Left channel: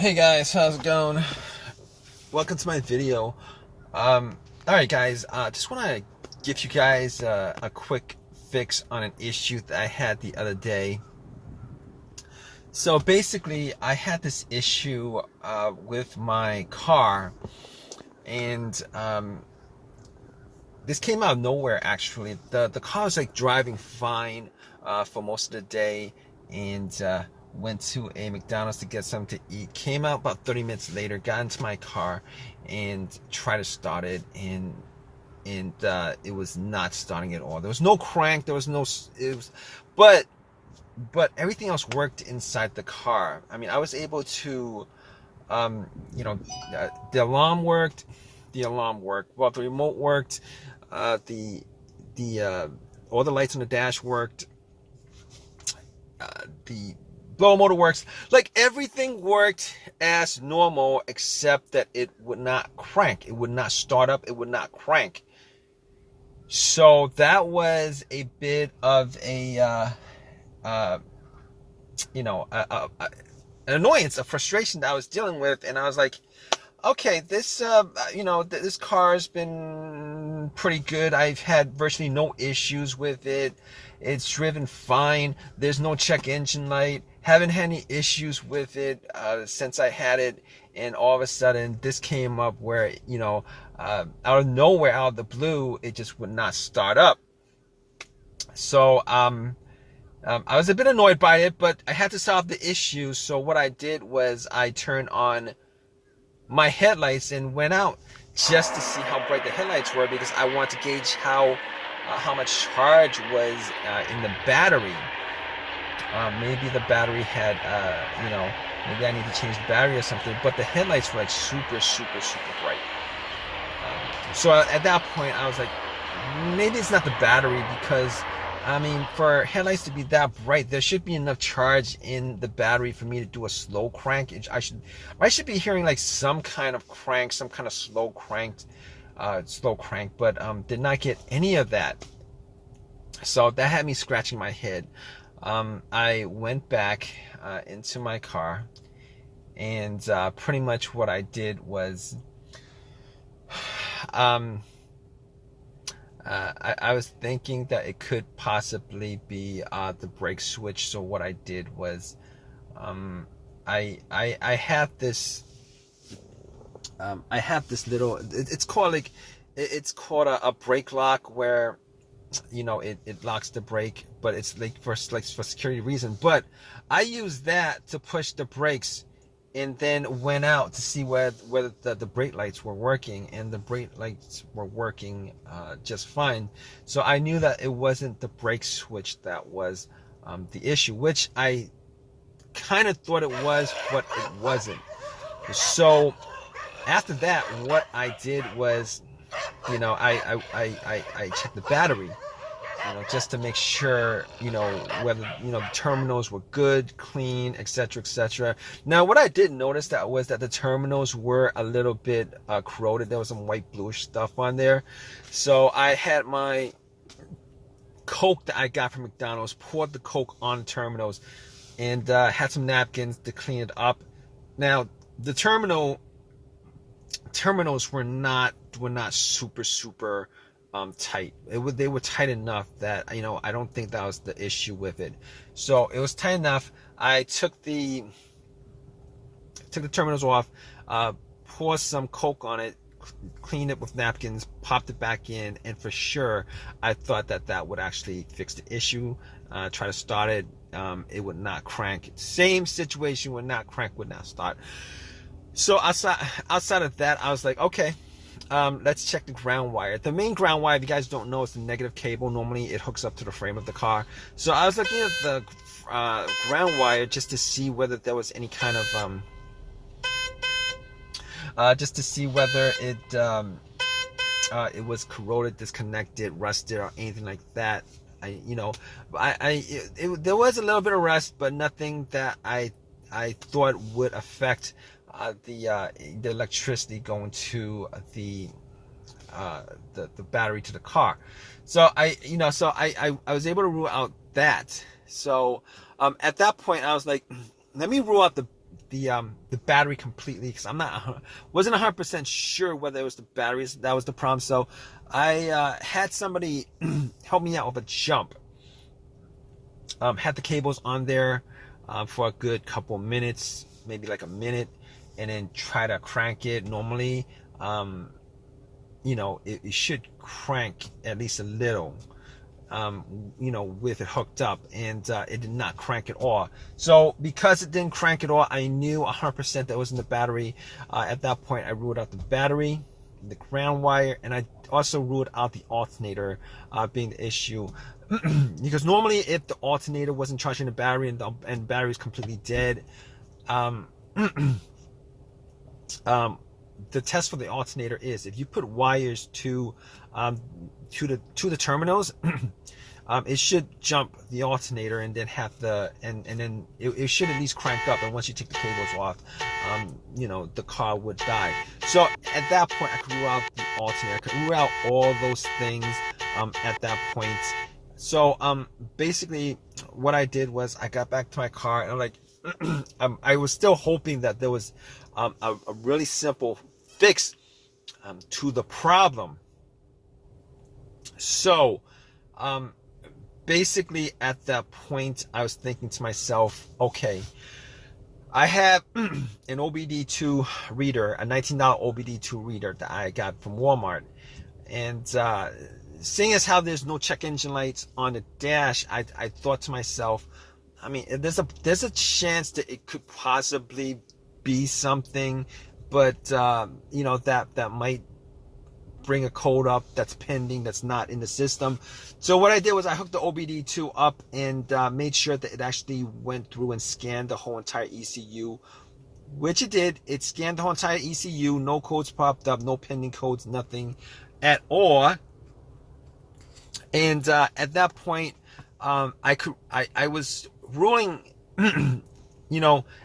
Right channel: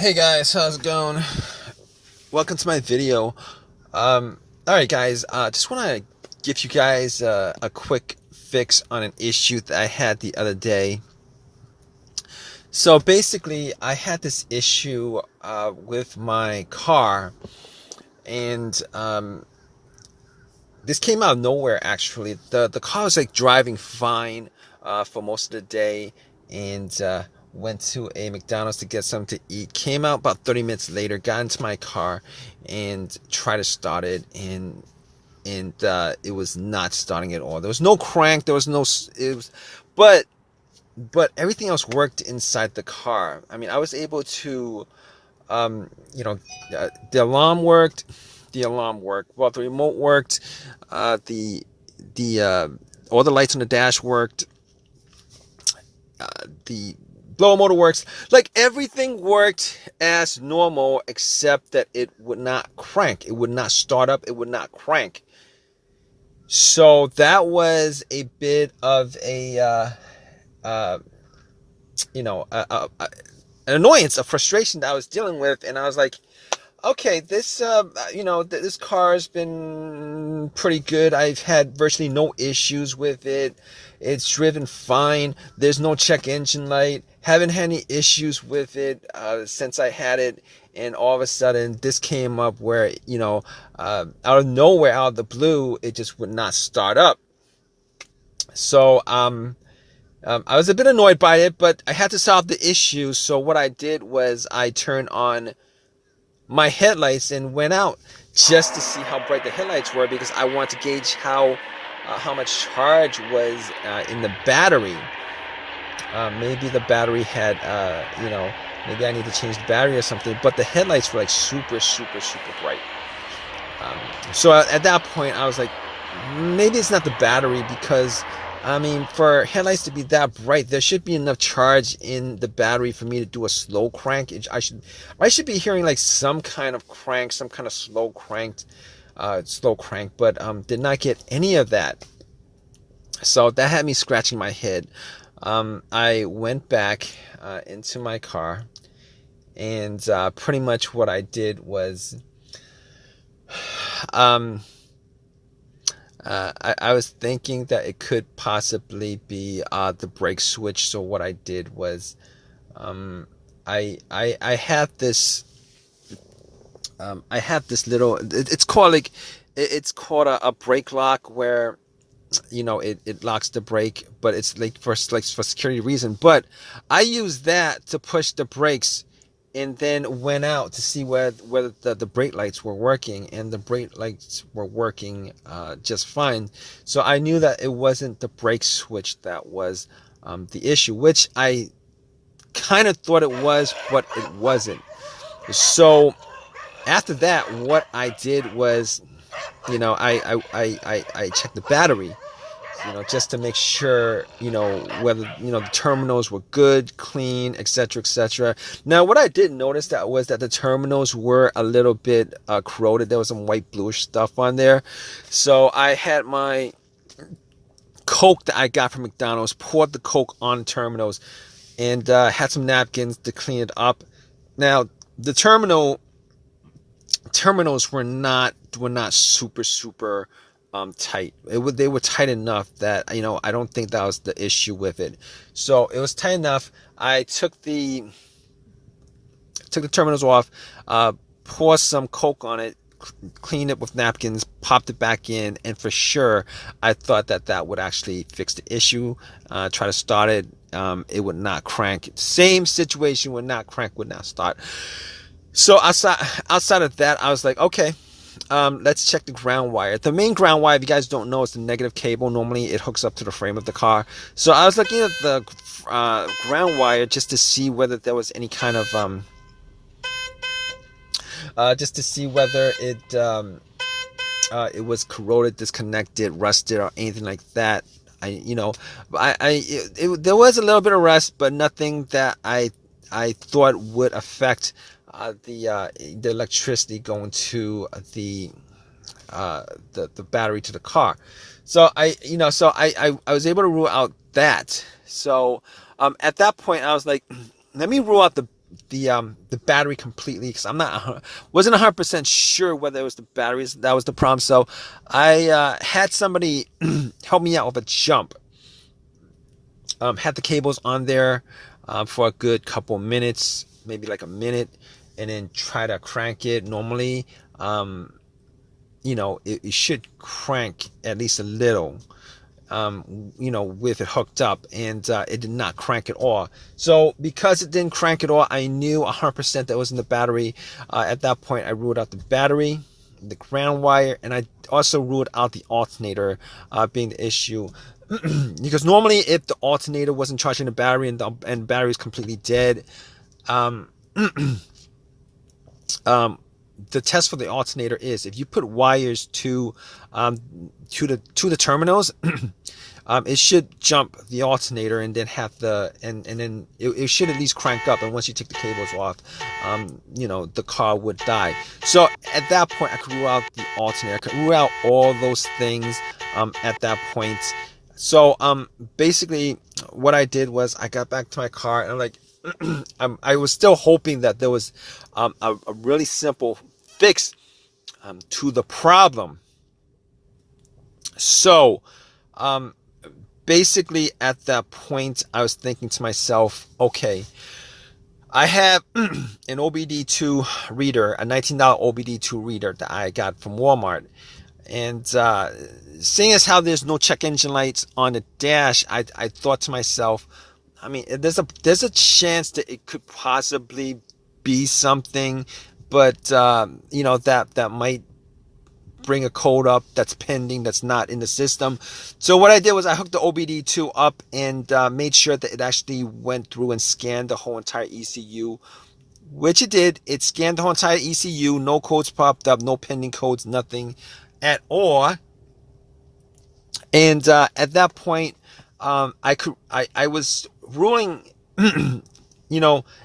Hey guys, how's it going? Welcome to my video. All right, guys. Just want to give you guys a quick fix on an issue that I had the other day. So basically, I had this issue with my car, and this came out of nowhere. Actually, the car was like driving fine for most of the day, and went to a McDonald's to get something to eat. Came out about 30 minutes later, got into my car, and tried to start it, and it was not starting at all. There was no crank. There was no. It was, but but everything else worked inside the car. I mean, I was able to, you know, the alarm worked. The alarm worked. Well, the remote worked. The all the lights on the dash worked. The blower motor works. Like everything worked as normal, except that it would not crank. It would not start up. It would not crank. So that was a bit of a uh, you know, an annoyance, a frustration that I was dealing with, and I was like, okay, this this car has been pretty good. I've had virtually no issues with it. It's driven fine. There's no check engine light. Haven't had any issues with it since I had it. And all of a sudden, this came up where, out of nowhere, out of the blue, it just would not start up. So, I was a bit annoyed by it, but I had to solve the issue. So what I did was I turned on my headlights and went out just to see how bright the headlights were, because I wanted to gauge how much charge was in the battery. Maybe the battery had, maybe I need to change the battery or something. But the headlights were like super, super, super bright. So at that point, I was like, maybe it's not the battery, because I mean, for headlights to be that bright, there should be enough charge in the battery for me to do a slow crank. I should be hearing like some kind of crank, some kind of slow crank, but did not get any of that. So that had me scratching my head. I went back into my car, and pretty much what I did was, I was thinking that it could possibly be the brake switch. So what I did was, I have this little. It's called a brake lock, where it locks the brake, but it's like for security reason. But I use that to push the brakes, and then went out to see whether the brake lights were working, and the brake lights were working just fine. So I knew that it wasn't the brake switch that was the issue, which I kind of thought it was, but it wasn't. So after that, what I did was, I checked the battery, just to make sure, whether, the terminals were good, clean, etc., etc. Now, what I did notice was that the terminals were a little bit corroded. There was some white bluish stuff on there. So I had my Coke that I got from McDonald's, poured the Coke on the terminals, and had some napkins to clean it up. Now, the terminals were not super super tight. They were tight enough that I don't think that was the issue with it. So it was tight enough. I took the terminals off, poured some Coke on it, cleaned it with napkins, popped it back in, and for sure I thought that would actually fix the issue. Try to start it, it would not crank. Same situation, would not crank, would not start. So outside of that, I was like, okay, let's check the ground wire. The main ground wire, if you guys don't know, is the negative cable. Normally it hooks up to the frame of the car. So I was looking at the ground wire just to see whether there was any kind of just to see whether it was corroded, disconnected, rusted, or anything like that. There was a little bit of rust, but nothing that I thought would affect the electricity going to the battery to the car. So I was able to rule out that. So at that point I was like, let me rule out the battery completely, because I'm not wasn't 100% sure whether it was the batteries that was the problem. So I had somebody help me out with a jump. Had the cables on there for a good couple minutes, maybe like a minute, and then try to crank it. Normally, it should crank at least a little, with it hooked up, and it did not crank at all. So because it didn't crank at all, I knew 100% that was in the battery. At that point, I ruled out the battery, the ground wire, and I also ruled out the alternator being the issue. Because normally, if the alternator wasn't charging the battery and the battery is completely dead, the test for the alternator is if you put wires to the terminals, it should jump the alternator and then have and then it should at least crank up. And once you take the cables off, the car would die. So at that point, I could rule out the alternator. I could rule out all those things at that point. So basically, what I did was I got back to my car and I'm like, I was still hoping that there was a really simple fix to the problem. So basically at that point, I was thinking to myself, okay, I have an OBD2 reader, a $19 OBD2 reader that I got from Walmart. And seeing as how there's no check engine lights on the dash, I thought to myself, I mean, there's a chance that it could possibly be something, but that might bring a code up that's pending, that's not in the system. So what I did was I hooked the OBD2 up and made sure that it actually went through and scanned the whole entire ECU, which it did. It scanned the whole entire ECU. No codes popped up, no pending codes, nothing at all. And at that point, I was ruling,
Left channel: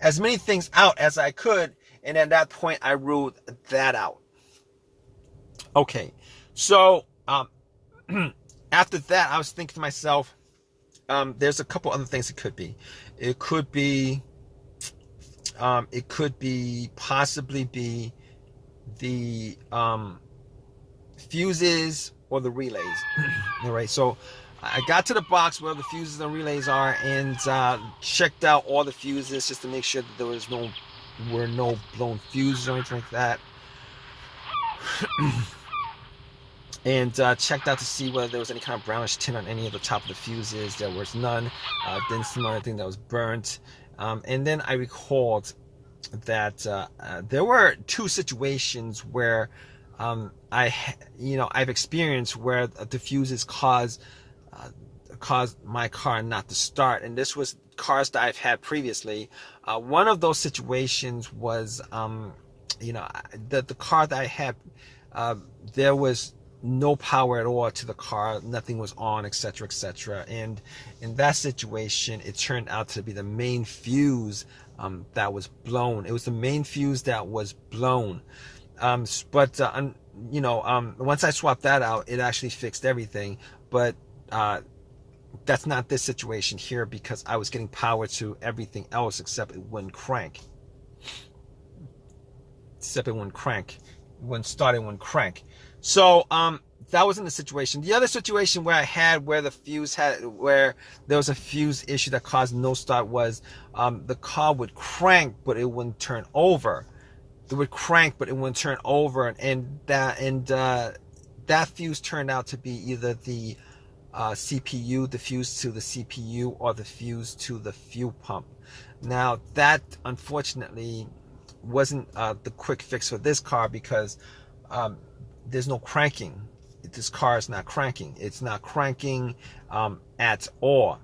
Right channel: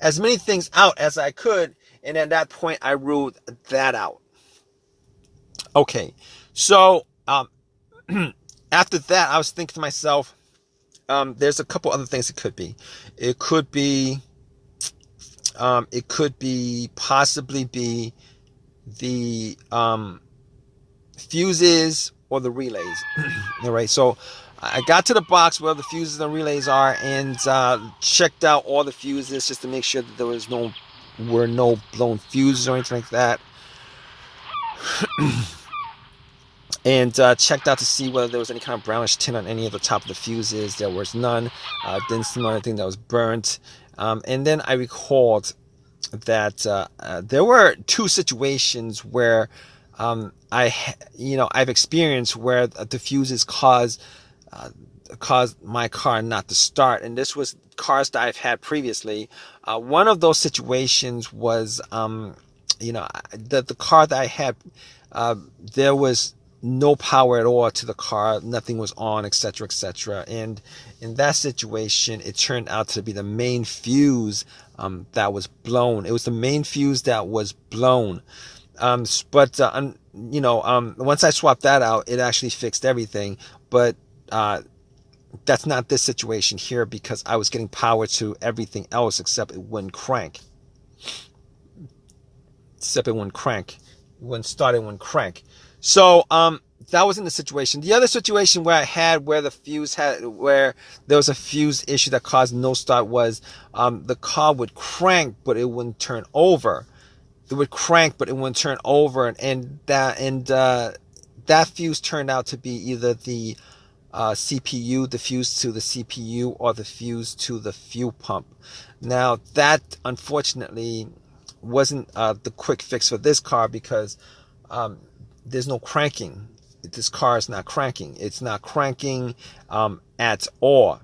as many things out as I could. And at that point, I ruled that out. Okay, so after that, I was thinking to myself, there's a couple other things it could be. It could be possibly be the fuses or the relays. All right, so I got to the box where the fuses and relays are and checked out all the fuses just to make sure that there were no blown fuses or anything like that. And checked out to see whether there was any kind of brownish tint on any of the top of the fuses. There was none. Didn't smell anything that was burnt. And then I recalled that there were two situations where I've experienced where the fuses caused my car not to start, and this was cars that I've had previously. One of those situations was the car that I had, there was no power at all to the car, nothing was on, etc., etc. And in that situation, it turned out to be the main fuse that was blown. It was the main fuse that was blown. But once I swapped that out, it actually fixed everything. But that's not this situation here, because I was getting power to everything else except it wouldn't crank. It wouldn't start, it wouldn't crank. So that was in the situation. The other situation where where there was a fuse issue that caused no start was the car would crank but it wouldn't turn over. It would crank but it wouldn't turn over, and that fuse turned out to be either the CPU, the fuse to the CPU, or the fuse to the fuel pump. Now that unfortunately wasn't the quick fix for this car, because there's no cranking. This car is not cranking. It's not cranking at all.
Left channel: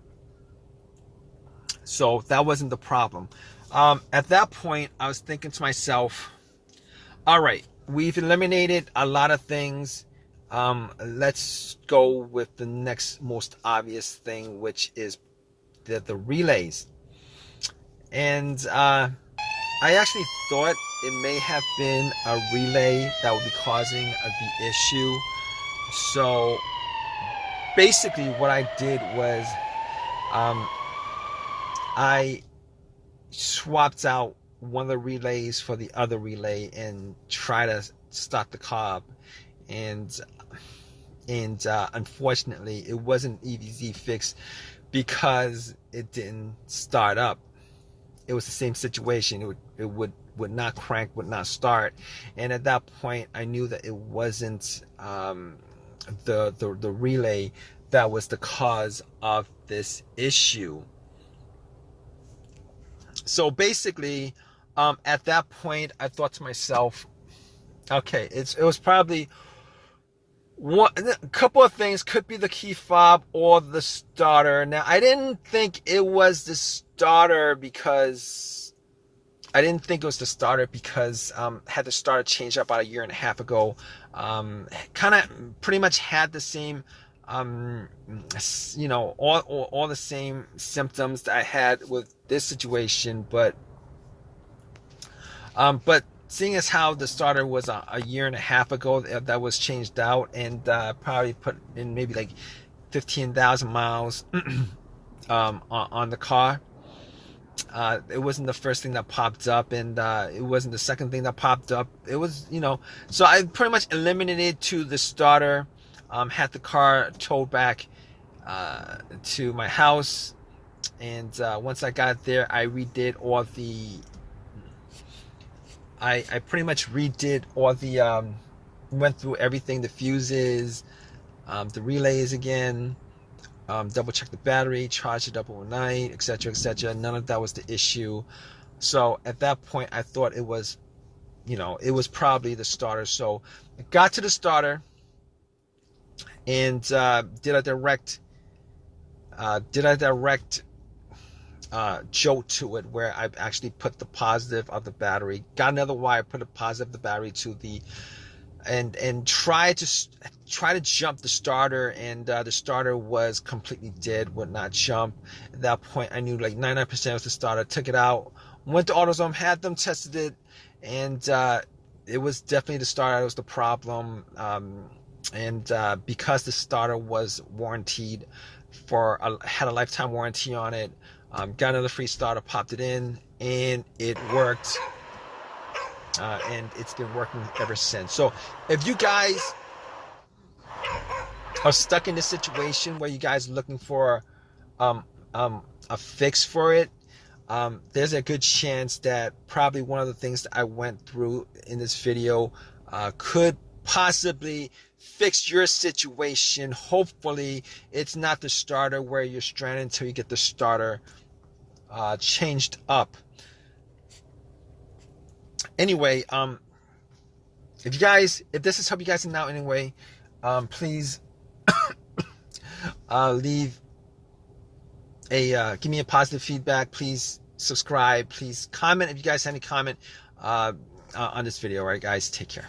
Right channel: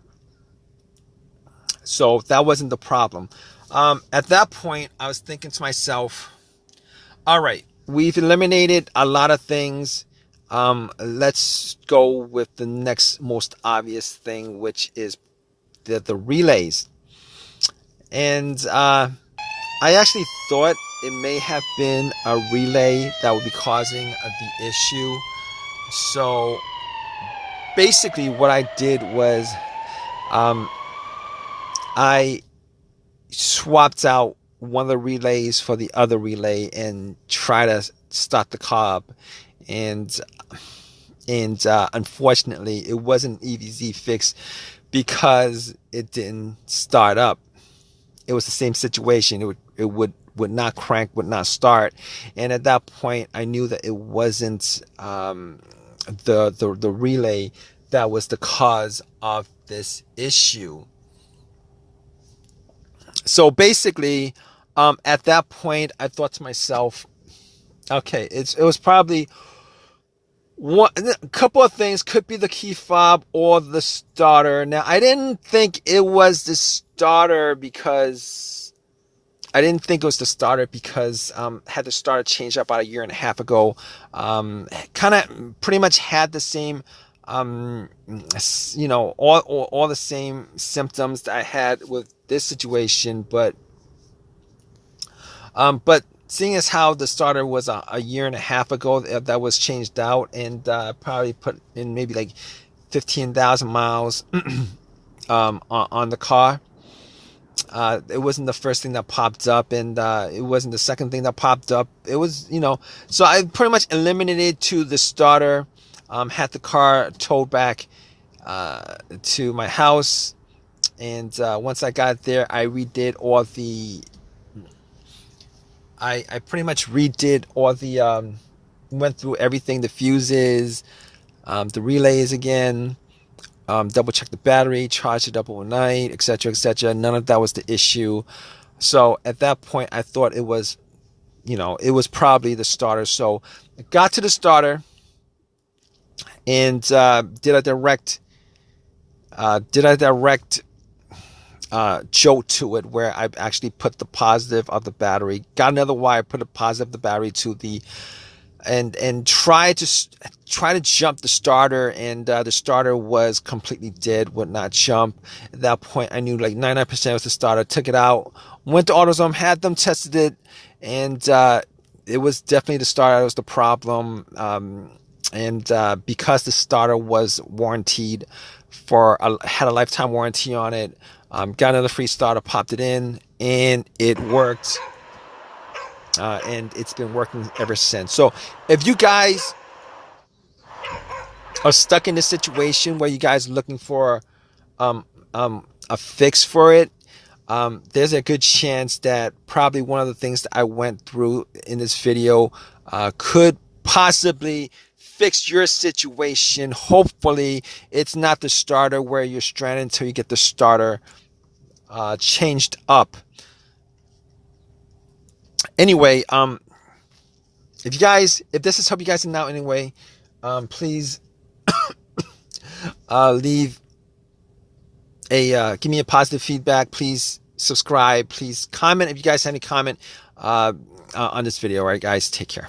So that wasn't the problem. At that point, I was thinking to myself, all right, we've eliminated a lot of things. Let's go with the next most obvious thing, which is the relays. And I actually thought it may have been a relay that would be causing the issue. So basically what I did was I swapped out one of the relays for the other relay and try to start the car up. And unfortunately, it wasn't an easy fix because it didn't start up. It was the same situation. It would not crank, would not start. And at that point, I knew that it wasn't the relay that was the cause of this issue. So basically, at that point, I thought to myself, okay, it was probably a couple of things. Could be the key fob or the starter. Now, I didn't think it was the starter because had the starter changed up about a year and a half ago. Kind of pretty much had the same, all the same symptoms that I had with this situation, but seeing as how the starter was a year and a half ago that was changed out, and probably put in maybe like 15,000 miles on the car. It wasn't the first thing that popped up, and it wasn't the second thing that popped up. It was, so I pretty much eliminated to the starter, had the car towed back to my house, and once I got there, I redid all the I pretty much redid all the went through everything, the fuses, the relays again, double checked the battery, charged it up overnight, etc., etc. None of that was the issue. So at that point, I thought it was, it was probably the starter. So I got to the starter and did a direct jolt to it, where I actually put the positive of the battery, got another wire, put a positive of the battery to the, and try to jump the starter, and the starter was completely dead, would not jump. At that point, I knew like 99% was the starter. Took it out, went to AutoZone, had them tested it, and it was definitely the starter that was the problem. And because the starter was warranted had a lifetime warranty on it, got another free starter, popped it in, and it worked. And it's been working ever since. So if you guys are stuck in this situation where you guys are looking for a fix for it, there's a good chance that probably one of the things that I went through in this video could possibly fix your situation. Hopefully it's not the starter where you're stranded until you get the starter changed up. Anyway, if this has helped you guys out anyway, please leave give me a positive feedback. Please subscribe. Please comment if you guys have any comment on this video. All right, guys, take care.